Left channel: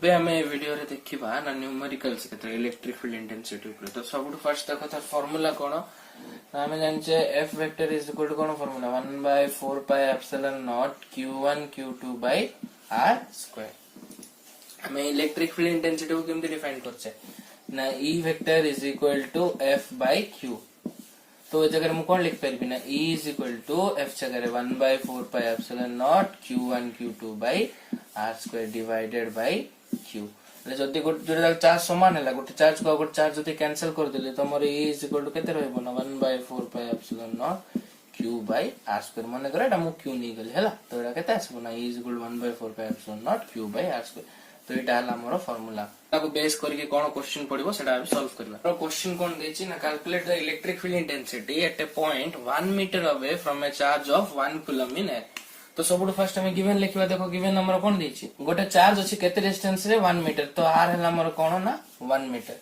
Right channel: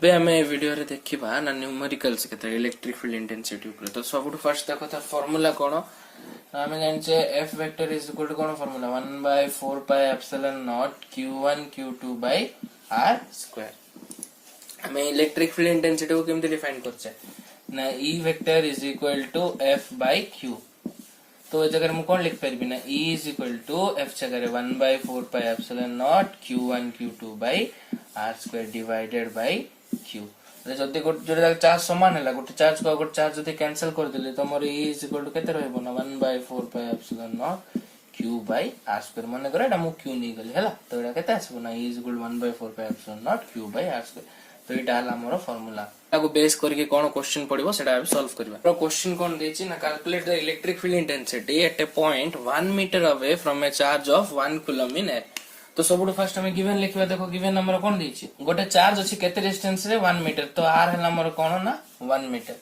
एबे हमें ए वीडियो रे देखिबा ना न्यूमेरिकल्स केते इलेक्ट्रिक फील्ड इंटेंसिटी ऊपर। तो सबटू फर्स्ट देखो त फार्मूला कोन ना हमें जानचे F vector is equal to कोन formula 1/4 pi epsilon naught q1 q2 by r square. हमें इलेक्ट्रिक फील्ड इंटेंसिटी को केमते डिफाइन करछे ना E vector is equal to F by q। तो इस जगह मु कोन लिख परबी ना E is equal to F जगह 1/4 pi epsilon naught q1 q2 by r square divided by q। जदि जोटा चार्ज समान है गोटे चार्ज को गोटे चार्ज जदि कैंसिल कर देले तो हमर E इज इक्वल टू केते रहबो ना 1/4 pi epsilon naught q by r square. माने करा एटा मु q नै गेले हला तो एटा केते आसबो ना E is equal to 1/4 pi epsilon naught q by r square. तो एटा हला हमर फार्मूला ताको बेस करके कोन क्वेश्चन पडिबो सेटा अब सॉल्व करबा। तो क्वेश्चन कोन देछि ना calculate the electric field intensity at a point 1 metre away from a charge of 1 coulomb in air. तो सबुठ फर्स्ट हमें गिवन लिखबा। देखो गिवन नंबर कोन देछि गोटे चार्ज अछि केते डिस्टेंस रे 1 मीटर। तो r हला हमर कोन ना 1 मीटर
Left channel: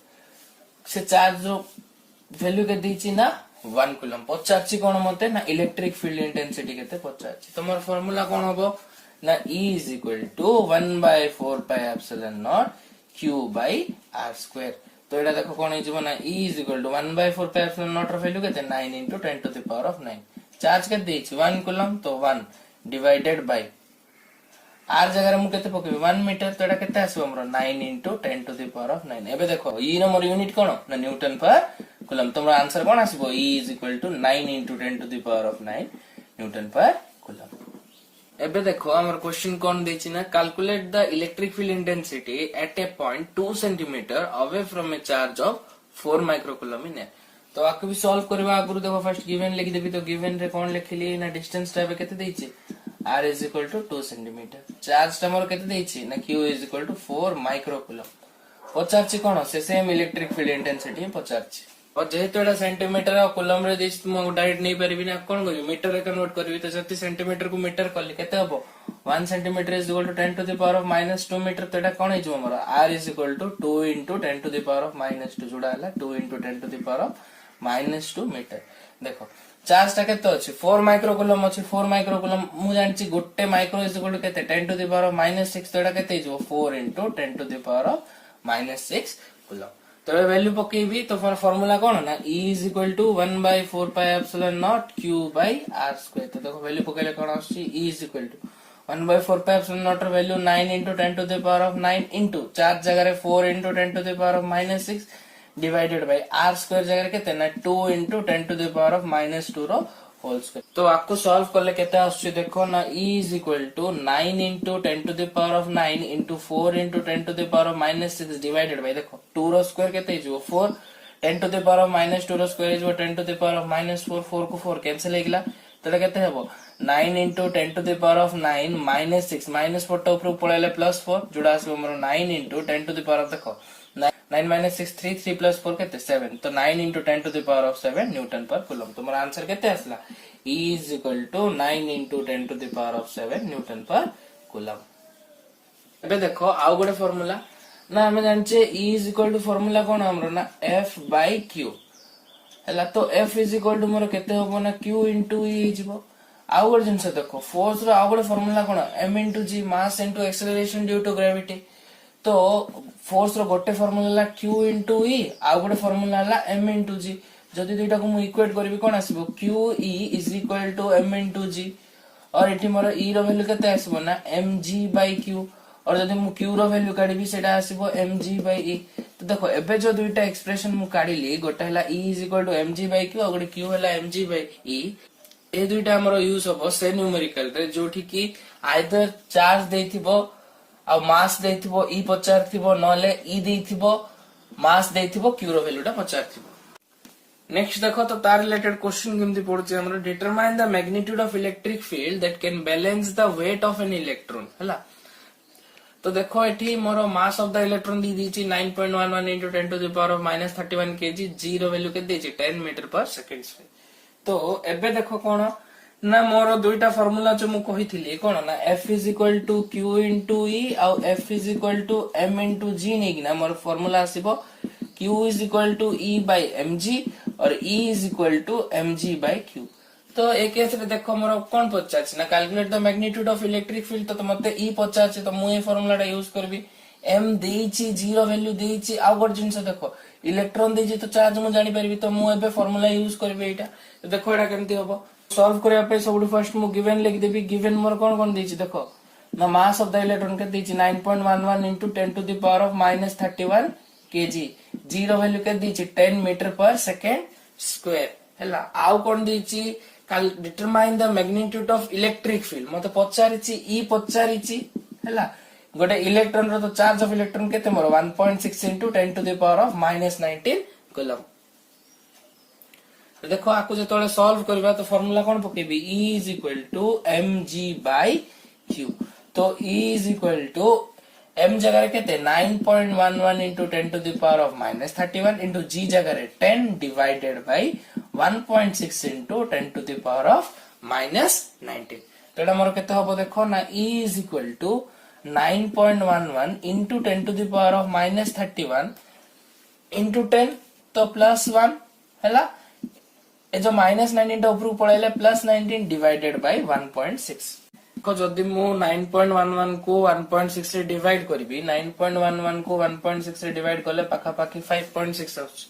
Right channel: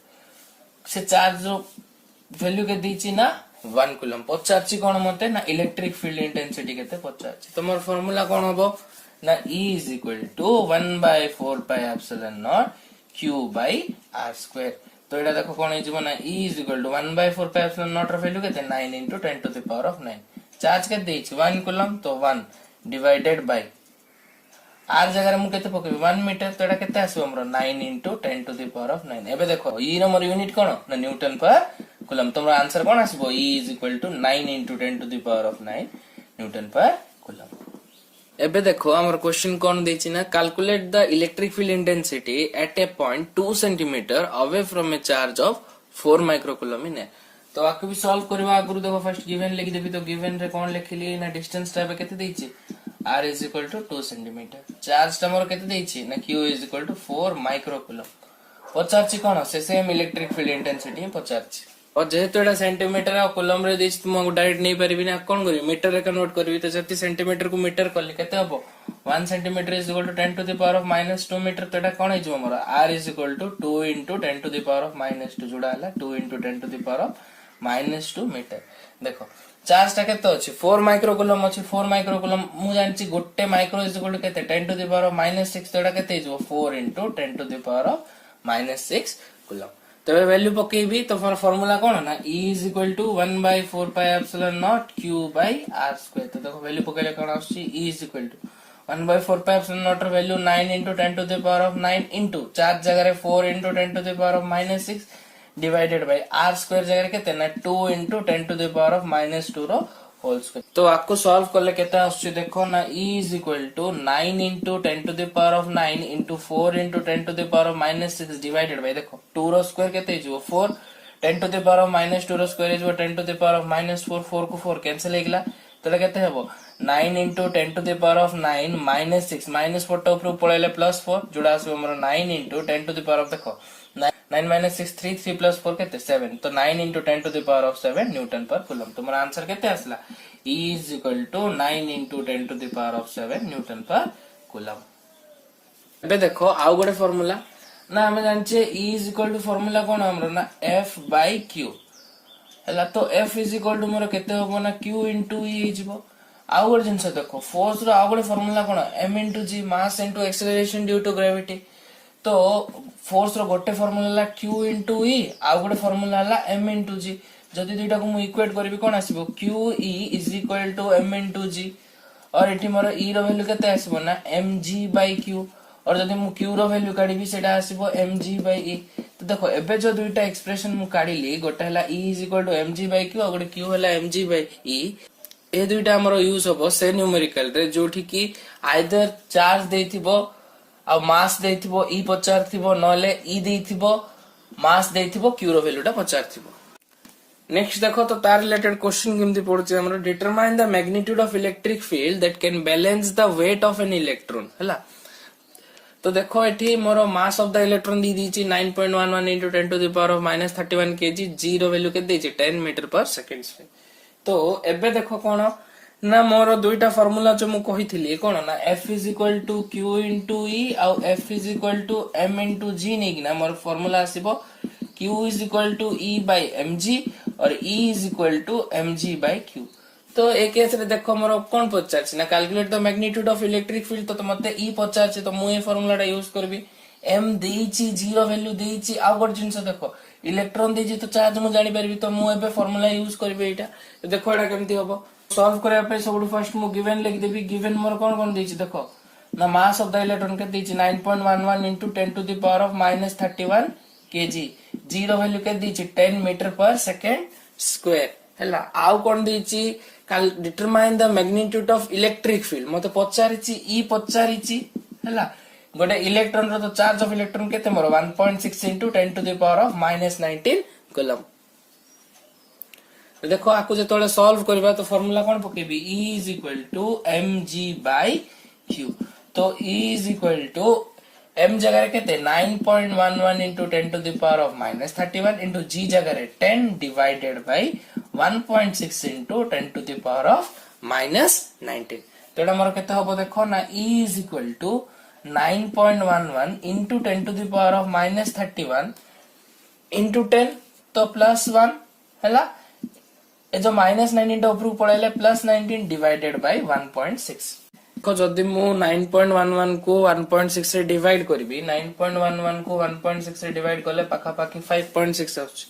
से चार्ज जो वैल्यू के देछि ना 1 कूलम पचाछि कोन मते ना इलेक्ट्रिक फील्ड इंटेंसिटी केते पचाछि। तो मोर फार्मूला कोन होबो ना E is equal to 1/4 pi epsilon naught q by r square. तो एटा देखो कोन हे जबो ना E is equal to 1/4 pi epsilon naught र वैल्यू केते 9 into 10 to the power of 9। Charge केते देछि 1 कूलम तो 1 डिवाइडेड बाय r जगह मु केते पकेबी 1 मीटर। तो एटा केते आसीबो हमरो 9 into 10 to the power of 9। एबे देखो E रो मोर यूनिट कोन ना न्यूटन पर कूलम। तो हमरो आंसर कोन आसीबो E is equal to 9 into 10 to the power of 9 newton per coulomb. एबे देखो हमर क्वेश्चन कोन देछि ना calculate the electric field intensity at a point 2 centimetre away from a charge of 4 microcoulomb इन। तो आके भी सॉल्व करबा आगु देखो फर्स्ट गिवन लिख देबी। तो गिवन रे कोन लिखली ना डिस्टेंस टाइप केते देछि r is equal to 2 centimetre. Charge तमर केते देछि ना q is equal to 4 microcoulomb. पचाछि कोन से सेम इलेक्ट्रिक फील्ड इंटेंसिटी पचाछि। और जेहेतु एटा सेंटीमीटर और कूलम रे देछि तुम डायरेक्ट नै परिबि ना कोन करिवि मीटर रे कन्वर्ट करबि। तो जति सेंटीमीटर को मीटर करली केते हबो 1 centimetre is equal to 10 to the power of -2 metre. तो एटा कोन हे जबो हमर r is equal to 2 into 10 to the power of -2 जोडा हला 2 into 10 to the power of -2 metre. देखो चार्ज टा केते अछि 4 माइक्रोकूलम अछि। 4 माइक्रोकूलम मु जानछि गोटे माइक्रो इज इक्वल टू केते 10 टू द पावर ऑफ -6। तो एटा केते हे जबो 4 into 10 to the power of -6 coulomb. तो वैल्यू पकेबी। तो फार्मूला कोन ना E is equal to 1/4 pi epsilon naught q by r square. तो देखो वैल्यू पकेले कोन आछि E is equal to 1/4 pi epsilon naught र value 9 into 10 to the power of 9 into charge जगह रे 4 into 10 to the power of -6 divided by r square जगह केते ना 2 into 10 to the power of -2 रो होल स्क्वायर। तो आपको solve करले केते आछि देखो ना E is equal to 9 into 10 to the power of 9 into 4 into 10 to the power of -6 divided by देखो 2 रो स्क्वायर केते हिजो 4 10 टू द पावर ऑफ -2 रो स्क्वायर हिजो 10 टू द पावर ऑफ -4 4 को 4 कैंसिल हे गेला। तो एटा केते हेबो 9 into 10 to the power of 9 -6 -4 टा ऊपर पळेले +4 जोडा आसी हमर 9 into 10 to the power of देखो 9 - 6 3 3 + 4 केते 7। तो 9 into 10 to the power of 7 newton per coulomb. तो मोर आंसर केते आसला E is equal to 9 into 10 to the power of 7 newton per coulomb. एबे देखो आउ गोटे फार्मूला ना हम जानचे E is equal to formula कोन हमरो ना F बाय Q हला। तो F इज इक्वल टू मोर केते होबो ना Q into E जिवो। आउ गोटे जिंस देखो फोर्स रो आउ गोटे फार्मूला कोन m into g mass into acceleration due to gravity. तो फोर्स रो गोटे फार्मूला ला q into e आउ गोटे फार्मूला ला m into g। जदि दुइटा को मु इक्वेट करबी कोन आसीबो qe is equal to m into g। और एठी मोर e रो वैल्यू केते आसीबो ना mg by q। और जदि मु q रो वैल्यू काढिबी सेटा आसीबो mg by e। तो देखो एबे जो दुइटा एक्सप्रेशन मु काढिली गोटे हला e is equal to mg by q और गोटे q हला mg by e। ए दुइटा हमरो यूज होबो से न्यूमेरिकल रे जोठी की आइदर चार्ज देथिबो आ मास देथिबो ई पचारथिबो नले ई देथिबो मास देथिबो क्यू रो वैल्यूटा पचारथिबो। नेक्स्ट देखो तो तार रिलेटेड क्वेश्चन केमती पड़छ हमरो determine the magnitude of electric field that can balance the weight of an electron हला। तो देखो एठी मोर मास ऑफ द इलेक्ट्रॉन दी दीची 9.11 into 10 to the power of -31 kg। G रो वैल्यू के देची 10 मीटर पर सेकंड। तो एबे देखो कोन ना मोर दुइटा फार्मूला जो मु कहिथिली कोन ना F is equal to Q into E और F is equal to M into G नै कि ना मोर फार्मूला आसीबो Q is equal to E by mg और E is equal to mg by q। तो एक केस रे देखो मोर कोन पचारछि ना calculate the magnitude of electric field. तो मते E पचारछि तो मु ए फार्मूलाटा यूज करबी एम देइची जीरो वैल्यू देइची आ गोट जिंस देखो इलेक्ट्रॉन देइची तो चार्ज मु जानि परबी तो मु एबे फार्मूला यूज करबी एटा तो देखो एटा केमती हबो सॉल्व करया पे सबु फर्स्ट मु गिवन लिख देबी गिवन मोर कोन देइची देखो ना मास ऑफ द इलेक्ट्रॉन के देइची 9.11 into 10 to the power of -31 kg zero value के देइची 10 मीटर पर सेकंड स्क्वायर हैला आउ कोन देइची काल determine the magnitude of electric field मते पचारिची ई पचारिची हैला गोटे इलेक्ट्रॉन रो तो चार्ज ऑफ इलेक्ट्रॉन केते मोर 1.6 into 10 to the power of -19 coulomb तो देखो आकु जेतोले सॉल्व करबा तो फार्मूला कोन पकेबी E is equal to mg by q तो E is equal to m जगह रे केते 9.11 into 10 to the power of -31 into g जगह रे 10 divided by 1.6 into 10 to the power of -19 तेडा मोर केते हबो देखो ना E is equal to 9.11 into 10 to the power of -31 into 10 तो +1 हैला ए जो -19 टा ऊपर पळैले +19 डिवाइडेड बाय 1.6 को जदी मु 9.11 को 1.6 से डिवाइड करबी 9.11 को 1.6 से डिवाइड करले पाखा पाखी 5.6 आछ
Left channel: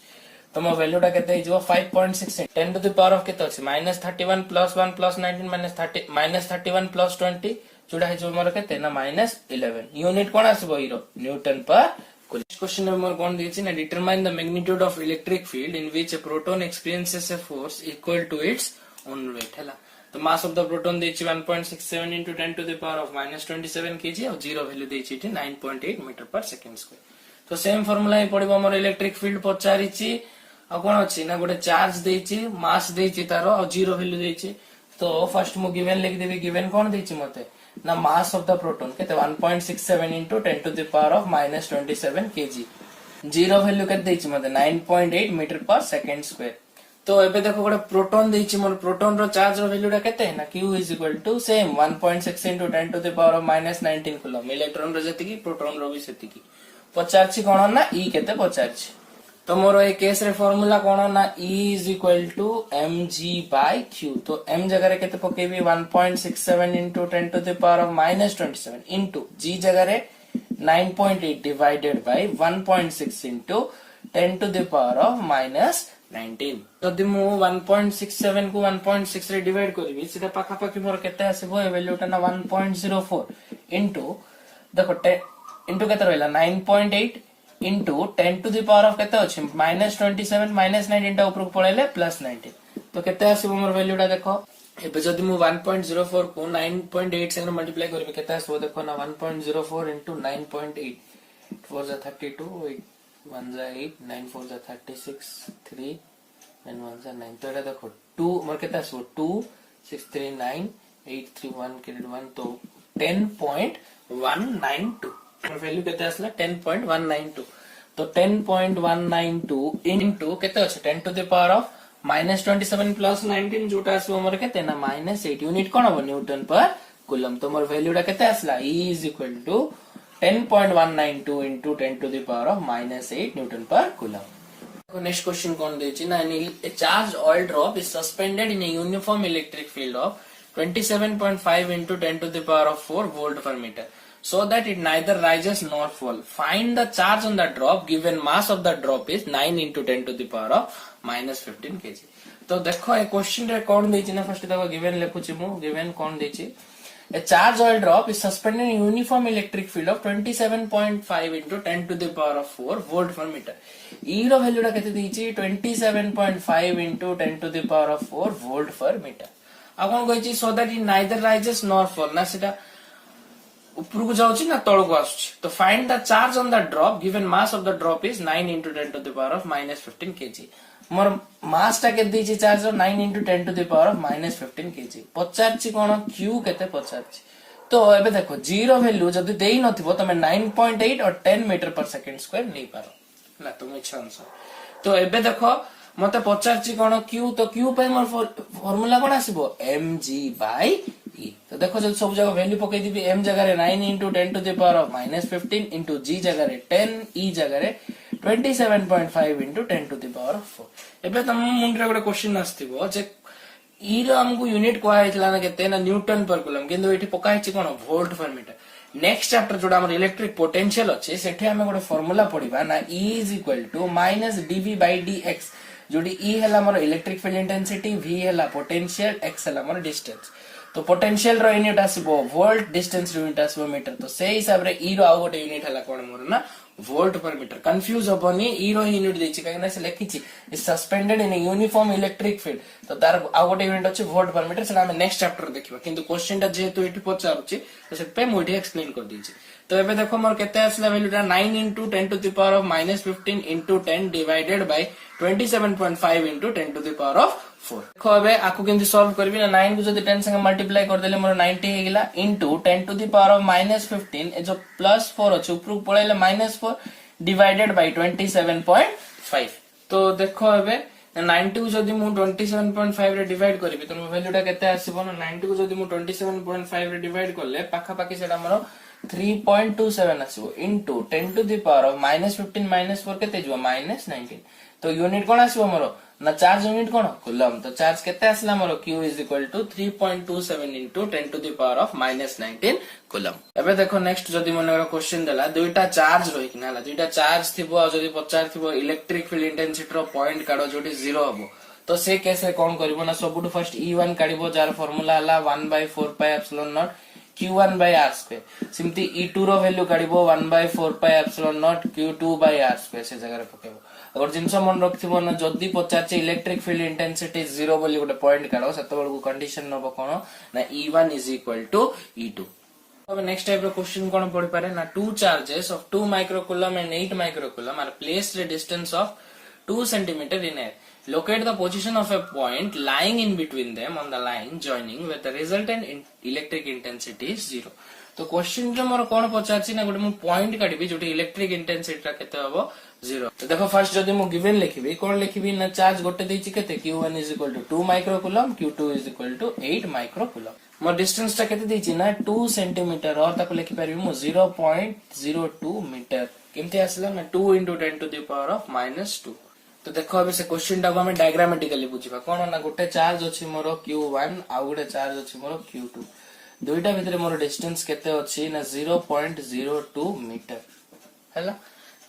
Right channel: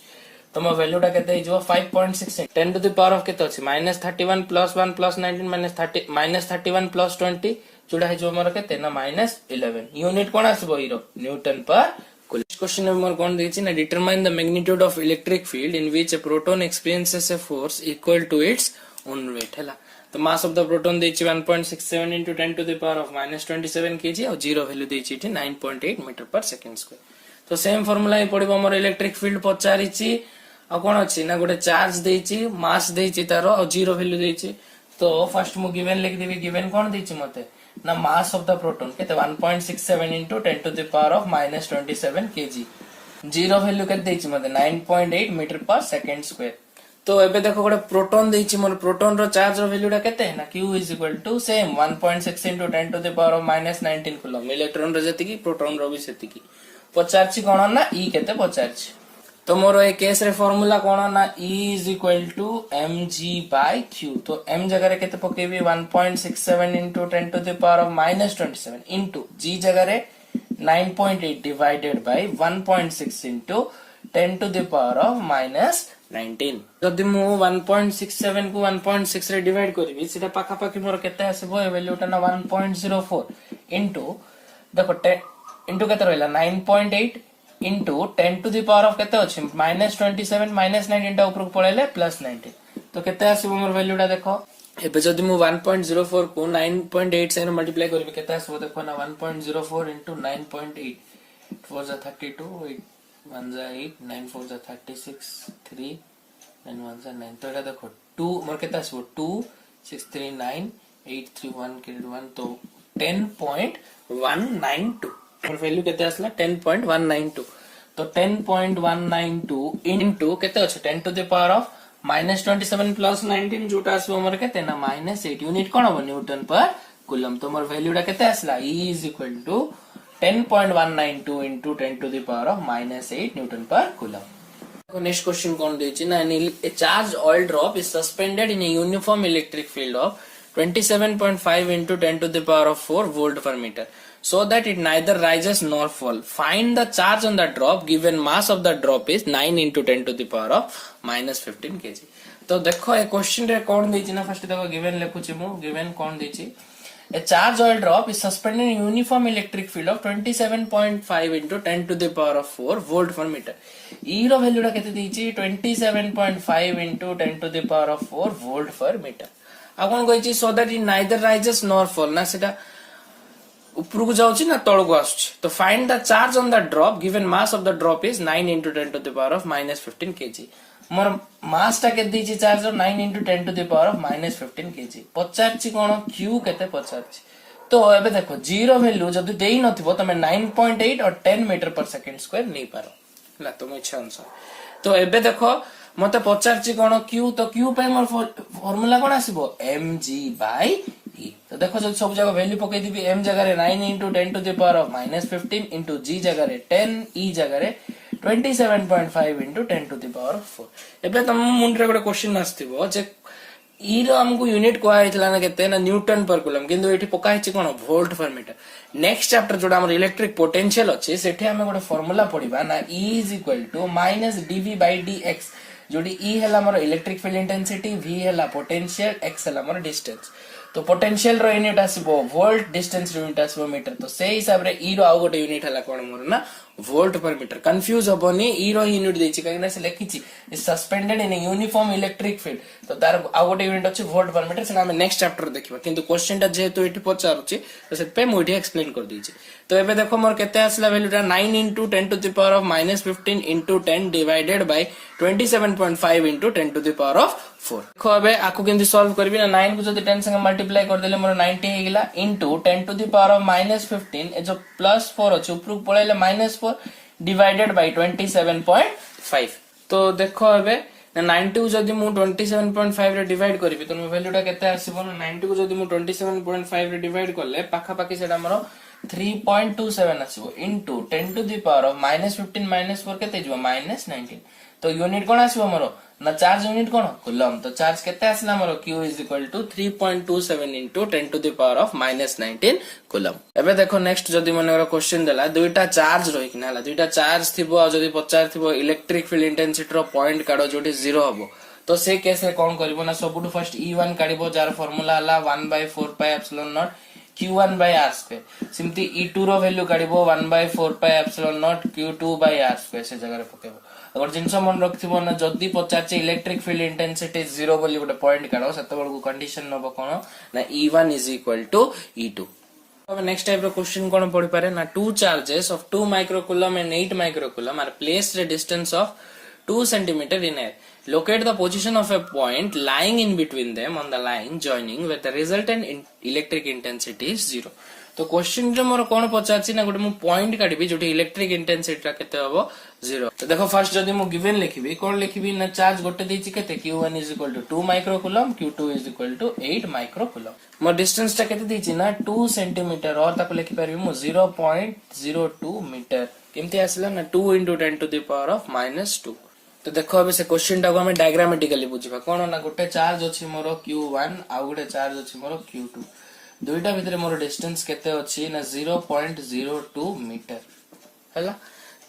तो मो वैल्यू टा केते जो 5.6 10 टू द पावर ऑफ केते अछि -31 +1 +19 -31 +20 जोड़ा है जो मोर केते ना -11 यूनिट कोन आसबो इरो newton per coulomb question number कोन देछि ना determine the magnitude of electric field in which a proton experiences a force equal to its own weight हैला तो मास ऑफ द प्रोटॉन देछि 1.67 into 10 to the power of -27 kg और zero value देछि 9.8 metre पर second square तो same formula ही पड़िबो हमर electric field पचारिछि आ कोन अछि ना गोटे चार्ज देछि मास देछि तारो और जीरो वैल्यू देछि तो फर्स्ट मु गिवन लिख देबी गिवन कोन देछि मते ना मास ऑफ द प्रोटॉन केते 1.67 into 10 to the power of -27 kg zero value केते देछि मते 9.8 मीटर पर सेकंड स्क्वायर तो एबे देखो गोटे प्रोटॉन देछि मोर प्रोटॉन रो चार्ज रो वैल्यू टा केते है ना q is equal to same 1.6 into 10 to the power of -19 coulomb electron रो जति की प्रोटॉन रो भी सेति की पचारछि कोन ना e केते पचारछि तो मोर ए केस रे फार्मूला कोन ना E is equal to mg by q तो m जगह रे केते पकेबी 1.67 into 10 to the power of -27 into g जगह रे 9.8 divided by 1.6 into 10 to the power of -19 जदि मु 1.67 को 1.6 रे डिवाइड करबी सेटा पाखा पाखी मोर केते आसीबो ए वैल्यू टा ना 1.04 into देखो 10 into केते रहला 9.8 into 10 to the power of केते अछि -27 -19 टा ऊपर पळेले +19 तो केते आसीबो मोर वैल्यू टा देखो एबे जदि मु 1.04 को 9.8 से मल्टीप्लाई करबी केते आसीबो देखो ना 1.04 into 9.8 4 जा 32 8 1 जा 8 9 4 जा 36 3 9 1 जा 9 तो एटा देखो 2 मोर केते आसीबो 2 6 3 9 8 3 1 के 1 तो 10.192 और वैल्यू केते आसला 10.192 तो 10.192 इनटू केते अछि 10 to the power of -27 plus 19 जोटा आसबो हमर केते ना -8 यूनिट कोन हो न्यूटन पर कूलम तो हमर वैल्यू टा केते आसला E is equal to 10.192 into 10 to the power of -8 Newton per coulomb next question कोन देछि ना ए charge oil drop is suspended in a uniform electric field of 27.5 into 10 to the power of 4 volt per meter so that it neither rises nor fall. Find the charge on the drop given mass of the drop is 9 into 10 to the power of -15 kg. तो देखो ए question रे कोन देछि ना first देखो given लेखुछि मु given कोन देछि a charge oil drop is suspended in uniform electric field of 27.5 into 10 to the power of 4 volt per meter. E रो value टा केते देछि 27.5 into 10 to the power of 4 volt per meter. अब कोन कहिछि so that it neither rises nor fall ना सेटा ऊपर को जाउछि ना तळ को आछछि तो find the charge on the drop given mass of the drop is 9 into 10 to the power of -15 kg मोर मास टा के देछि charge 9 into 10 to the power of -15 kg पचारछि कोन q केते पचारछि तो एबे देखो जीरो वैल्यू जदी देई नथिबो तमे 9.8 और 10 मीटर पर सेकंड स्क्वायर नै पारो ना तुम इच्छा अनुसार तो एबे देखो मते पचारछि कोन q तो q पे मोर फार्मूला कोन आसीबो mg by e तो देखो जब सब जगह वैल्यू पकई दिबी m जगह रे 9 into 10 to the power of -15 into g जगह रे 10 e जगह रे 27.5 into 10 to the power of 4 एबे तम मुंड रे गोटे क्वेश्चन आस्तिबो जे ई रो हमको यूनिट कहला ना केते ना न्यूटन पर कूलम किंतु एठी पका हिची कोन volt per metre. Next chapter जोडा हमर इलेक्ट्रिक पोटेंशियल अछि सेठी हम गोटे फार्मूला पढिबा ना E is equal to minus dv by dx जोडी E हला हमर इलेक्ट्रिक फील्ड इंटेंसिटी, V हला पोटेंशियल, x हला हमर डिस्टेंस। तो पोटेंशियल रो यूनिट आसीबो वोल्ट, डिस्टेंस रो यूनिट आसीबो मीटर। तो से हिसाब रे E रो आउ गोटे यूनिट हला कोन मोर ना वोल्ट पर मीटर। कंफ्यूज होबोनी E रो यूनिट देछि काहे से लिखिछि suspended in uniform electric field. तो तार आउ गोटे यूनिट अछि वोल्ट पर मीटर, सेटा हम नेक्स्ट चैप्टर देखिबा। किंतु क्वेश्चन टा जेहेतु एठी पचारुछि तो सेट पे मोठी एक्सप्लेन कर दिछि। तो एबे देखो मोर केते आसला वैल्यूटा 9 into 10 to the power of minus 15 into 10 divided by 27.5 into 10 to the power of 4। देखो एबे आकु केंति सॉल्व करबी ना 9 को जदी 10 संगे मल्टीप्लाई कर देले मोर 90 हे गेला into 10 to the power of minus 15 ए जो प्लस 4 अछि ऊपर पळेले -4 divided by 27.5। तो देखो एबे 90 को जदी मु 27.5 रे डिवाइड करबी तो मोर वैल्यूटा केते आसीबो ना 90 को जदी मु 27.5 रे डिवाइड करले पाखा पाखी सेटा मोर 3.27 आसीबो into 10 to the power of minus 15 minus 4 केते जिवो minus 19। तो यूनिट कोन आसीबो मोर ना चार्ज यूनिट कोन कूलम। तो चार्ज केते आसला मोर q is equal to 3.27 into 10 to the power of minus 19 coulomb. एबे देखो नेक्स्ट जदी मनेरा क्वेश्चन देला दुईटा चार्ज रही कि नाला दुईटा चार्ज थिबो आ जदी पचार थिबो इलेक्ट्रिक फील्ड इंटेंसिटी रो पॉइंट काडो जोटी 0 हबो। तो से कैसे कोन करबो ना सबुटु फर्स्ट E1 काडीबो जार फार्मूला हला 1/4 pi epsilon naught q1 by r square। सिमती E2 रो वैल्यू काडीबो 1/4 pi epsilon naught q2 by r square से जगह रे पकेबो। अगर जिंस मन रखथिबो ना जदी पचाचे इलेक्ट्रिक फील्ड इंटेंसिटी 0 बोली गोटे पॉइंट काडो सेते बळकु कंडीशन नबो कोन ना E1 is equal to E2। अब नेक्स्ट टाइप ऑफ क्वेश्चन कोन पड़ी पारे ना two charges of 2 microcoulomb and 8 microcoulomb are placed at a distance of 2 centimeter in air। Locate the position of a point lying in between them on the line joining where the resultant electric intensity is 0। तो question रे मोर कोन पचारछि ना गोटे मु point काढिबी जोटी electric intensity रा केते हबो 0। तो देखो फर्स्ट जदी मु गिवन लिखिबी कोन लिखिबी ना चार्ज गोटे देछि केते q1 is equal to 2 microcoulomb q2 is equal to 8 microcoulomb. More distance ता केते देछि ना 2 सेंटीमीटर और ताको लिखि परबी मु 0.02 मीटर। केमते आसला ना 2 into 10 to the power of -2। तो देखो अबे से क्वेश्चन टा को हम डायग्रामेटिकली बुझिबा कोन ना गोटे चार्ज अछि मोर q1 आ गोटे चार्ज अछि मोर q2। दुईटा भितरे मोर डिस्टेंस केते अछि ना 0.02 मीटर हैला।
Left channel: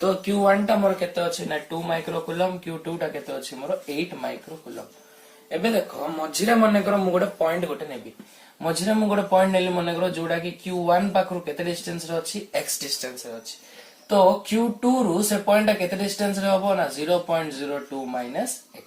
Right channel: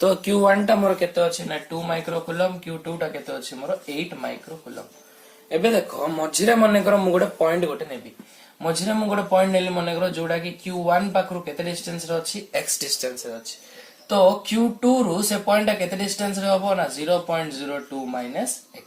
तो q1 टा मोर केते अछि ना 2 माइक्रोकूलम q2 टा केते अछि मोर 8 माइक्रोकूलम। एबे देखो मझिरा मने कर मु गोटे पॉइंट गोटे नेबी मझिरा मु गोटे पॉइंट नेली मने कर जोडा कि q1 पाखरु केते डिस्टेंस रे अछि x डिस्टेंस रे अछि। तो q2 रु से पॉइंट टा केते डिस्टेंस रे हबो ना 0.02 माइनस x।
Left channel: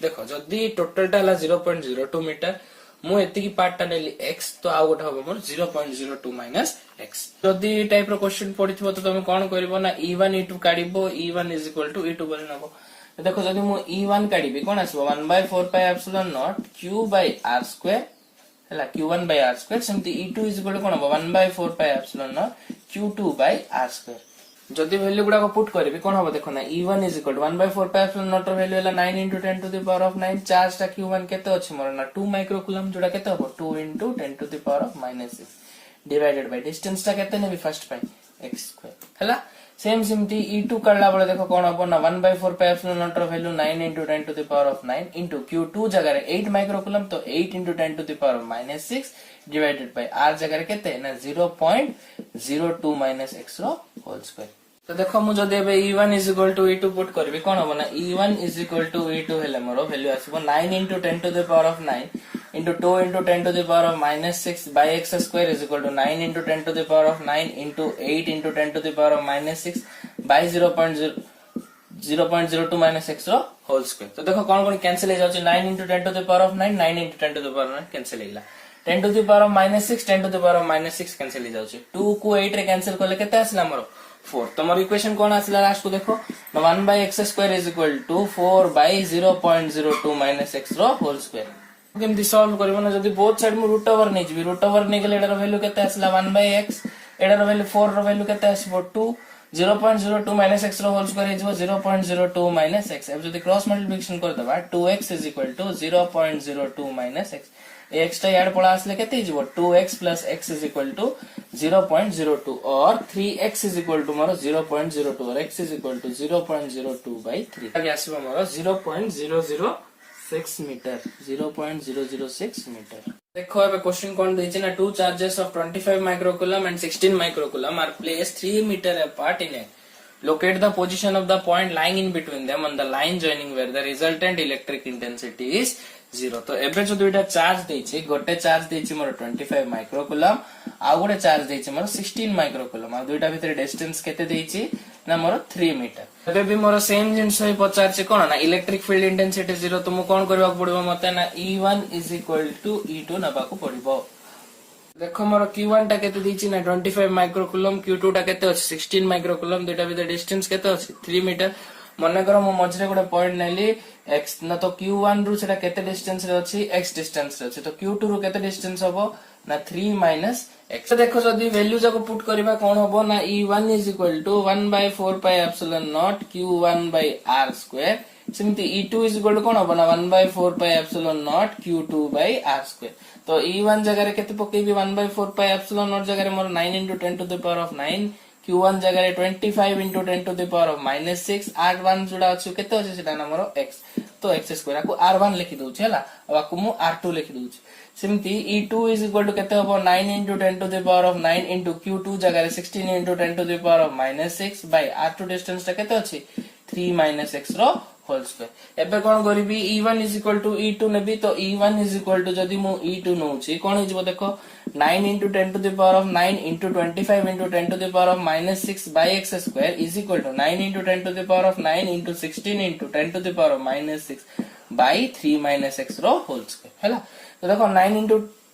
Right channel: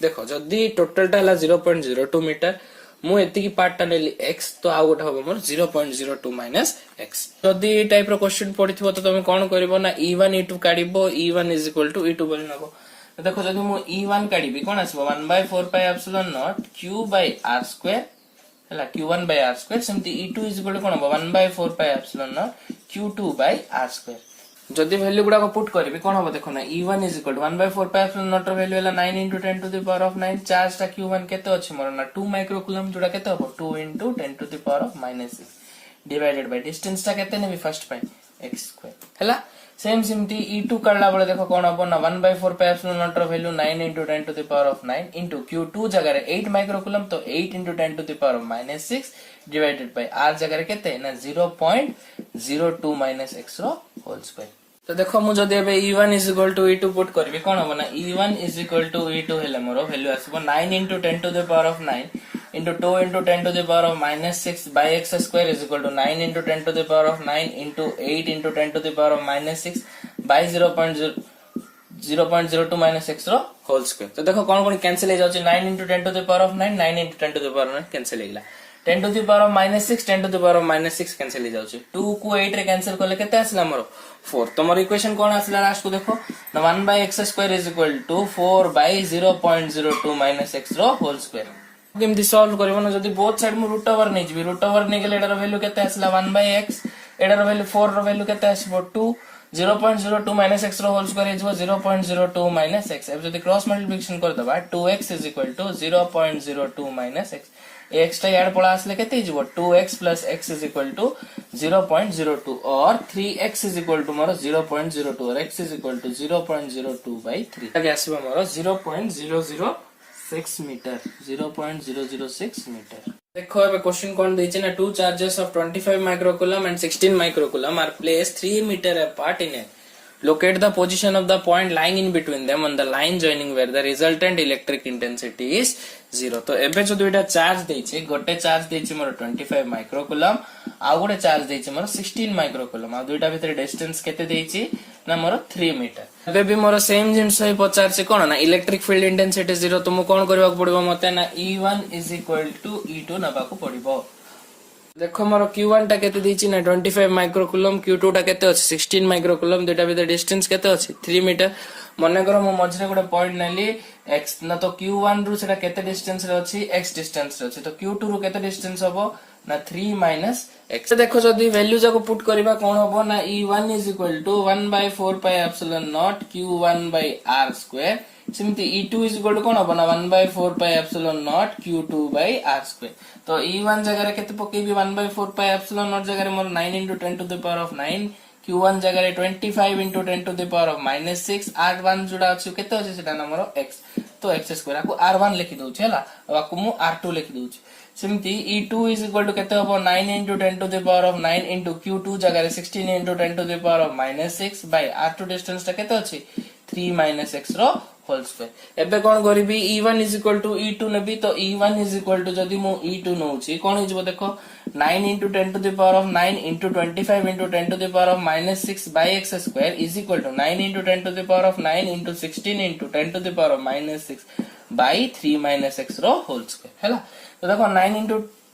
देखो जदी टोटल टा हला 0.02 मीटर मु एति की पार्ट टा लेली x तो आ गोट हबो मोर 0.02 माइनस x। जदी टाइप रो क्वेश्चन पडिथबो तो तुम कोन करबो ना E1 E2 काडीबो E1 is equal to E2 बोली नबो। तो देखो जदी मु E1 काडीबी cone आसीबो 1/4 pi epsilon naught q by r square हला q1 by r square। सिमती E2 is equal to कोन हबो 1/4 pi epsilon naught q2 by r square। जदी value गुडा को पुट करबी कोन हबो देखो ना E1 is equal to 1/4 pi epsilon naught रो वैल्यू हला 9 into 10 to the power of 9। Charge ता q1 केते अछि मोर ना 2 माइक्रोकूलम जोडा केते हबो 2 into 10 to the power of -6 divided by distance ता केते नेबी फर्स्ट पाई x स्क्वायर हला। सेम सिमती E2 करला बळे देखो कोन हबो ना 1/4 pi epsilon naught रो value 9 into 10 to the power of 9 into q2 जगह रे 8 माइक्रोकूलम तो 8 into 10 to the power of -6 divided by r जगह रे केते ना 0.02 माइनस x रो होल स्क्वायर। तो देखो मु जदी एबे E1 is equal to E2 put करबी कोन हबो ना E1 is equal to E2 हेले more value आसीबो 9 into 10 to the power of 9 into 2 into 10 to the power of -6 by x square is equal to 9 into 10 to the power of 9 into 8 into 10 to the power of -6 by 0.02 minus x रो whole square. तो देखो कोन कोन cancel हो जाउची 9 into 10 to the power of 9 9 into 10 to the power of 9 cancel हेला 10 to the power of -6 10 to the power of -6 cancel हो जाउची 2 को 8 रे कैंसिल करले केते आसला मोर 4। तो मोर इक्वेशन कोन आसला लास्ट को देखो 1 by x square is equal to 4 by 0.02 minus x रो होल स्क्वायर। केमती सॉल्व करबो ना जदी बोथ साइड मु रूट ओवर नै जबी रूट ओवर नै गेले एडा रो वैल्यू केते आसला 1 by x एडा रो वैल्यू 4 रो वैल्यू केते आसीबो 2 0.02 minus x रो whole square is 0.02 minus x। अब जदी क्रॉस मल्टीप्लिकेशन कर दबा 2x is equal to 0.02 minus x x टा याड पळा आसले केते हिजबो 2x plus x is equal to 0.02 और 3x is equal to मोर 0.02 और x is equal to 0.02 by 3 आगे आसीबो मोर 0.006 6 मीटर 0.006 मीटर। देखो अब क्वेश्चन कौन देछि ना, two charges of 25 microcoulomb and 16 microcoulomb are placed 3 metre apart in a locate the position of the point lying in between them on the line joining where the resultant electric intensity is 0। तो एबे जो दुईटा charge देछि, गोटे charge देछि मोर 25 microcoulomb आ गोटे charge देछि मोर 16 microcoulomb आ दुईटा भितर डिस्टेंस केते देछि ना मोर 3 मीटर। एबे भी मोर सेम जिंस ही पचार छै कोन ना इलेक्ट्रिक फील्ड इंटेंसिटी 0। तो मु कोन करबा पड़िबो मते ना E1 = E2 नबा को पड़िबो। देखो मोर Q1 टा केते दीची ना 25 माइक्रोकूलम, Q2 टा केते अछि 16 माइक्रोकूलम, दुटा भीतर डिस्टेंस केते अछि 3 मीटर। मने करो मो मझरे गोटे पॉइंट नेली x ना, तो Q1 रु सेटा केते डिस्टेंस रे अछि x डिस्टेंस रे अछि, तो Q2 रु केते डिस्टेंस हबो ना 3 - x। देखो जदी वैल्यू जाको पुट करबा कोन हबो ना E1 = 1/4πε0 Q1/r²। सिमती E2 = कोन हबो ना 1/4πε0 Q2/r²। तो E1 जगह केते पकेबी 1/4πε0 जगह मोर 9 × 10⁻⁹, Q1 जगह 25 × 10⁻⁻6, R1 जोडा अछि केते अछि सेटा ना मोर x। तो x² को R1 लिखि दउछि हला, अब को मु R2 लिखि दउछि। सिमती E2 = केते हबो 9 × 10⁻9 * Q2 जगह 16 × 10⁻6 बाय R2 डिस्टेंस ता केते अछि 3 - x रो होल स्क्वायर। एबे कोन करिबी E1 = E2 नेबी, तो E1 = जदी मु E2 नउछि कोन हिजबो देखो 9 × 10⁻9 * 25 × 10⁻6 by x² = 9 × 10⁻9 * 16 × 10⁻6 by 3 - x रो होल स्क्वायर हैला। तो देखो 9 ×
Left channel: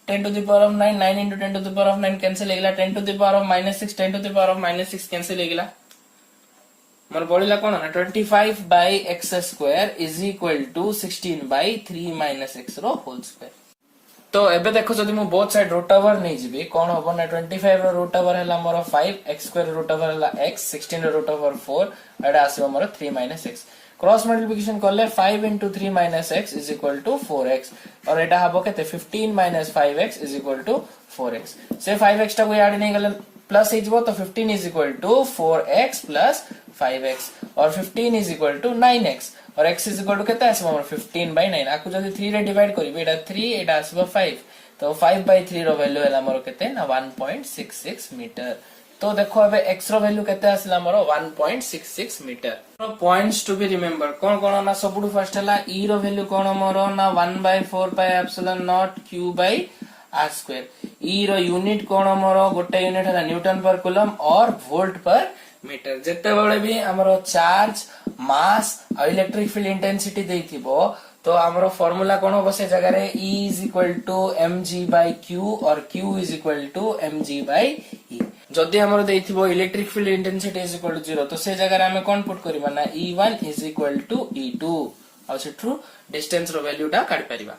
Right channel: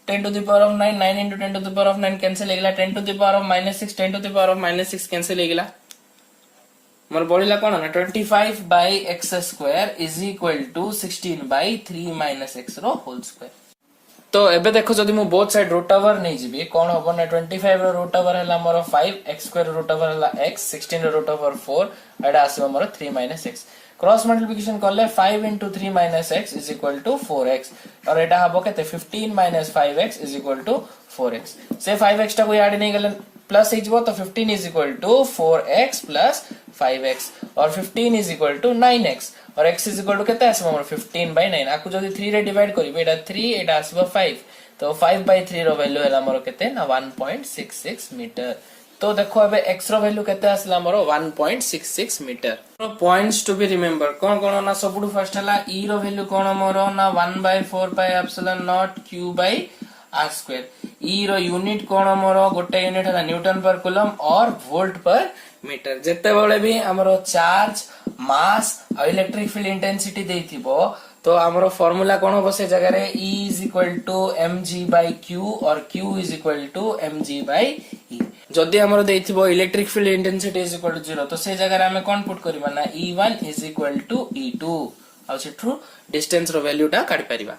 10⁻9 9 × 10⁻9 कैंसिल हेगला, 10⁻6 10⁻6 कैंसिल हेगला, मोर बढिला कोन ना 25/x² = 16/3 - x रो होल स्क्वायर। तो एबे देखो जदी मु बोथ साइड रूट ओवर नै जिबी कोन हबो ना 25 रो रूट ओवर हला मोर 5, x² रूट ओवर हला x, 16 रो रूट ओवर 4, एडा आसीबो मोर 3 - x। क्रॉस मल्टीप्लिकेशन करले 5 × 3 - x = 4x और एटा हबो केते 15 - 5x = 4x। से 5x टा को ऐड नै गले प्लस हिजबो, तो 15 = 4x + 5x और 15 = 9x और x = केते आसीबो मोर 15/9। आकु जदी 3 रे डिवाइड करिबे एटा 3 एटा आसीबो 5, तो 5/3 रो वैल्यू हला मोर केते ना 1.66 मीटर। तो देखो अबे x रो वैल्यू केते आसीला मोर 1.66 metre. Points to be remember कोन कोन ना, सबुठु फर्स्ट हला e रो वैल्यू कोन मोर ना 1/4πε0 Q/r²। e रो यूनिट कोन मोर गोटे यूनिट हला न्यूटन पर कूलम और वोल्ट पर मीटर। जेते बेले भी हमरो चार्ज मास और इलेक्ट्रिक फील्ड इंटेंसिटी देइथिबो, तो हमरो फार्मूला कोन हो से जगह रे E = mg/q और q = mg/e। जदी हमरो देइथिबो इलेक्ट्रिक फील्ड इंटेंसिटी = 0, तो से जगह रे हमें कोन पुट करबा ना E1 = E2 और सेठु डिस्टेंस रो वैल्यू टा काढ परिबा।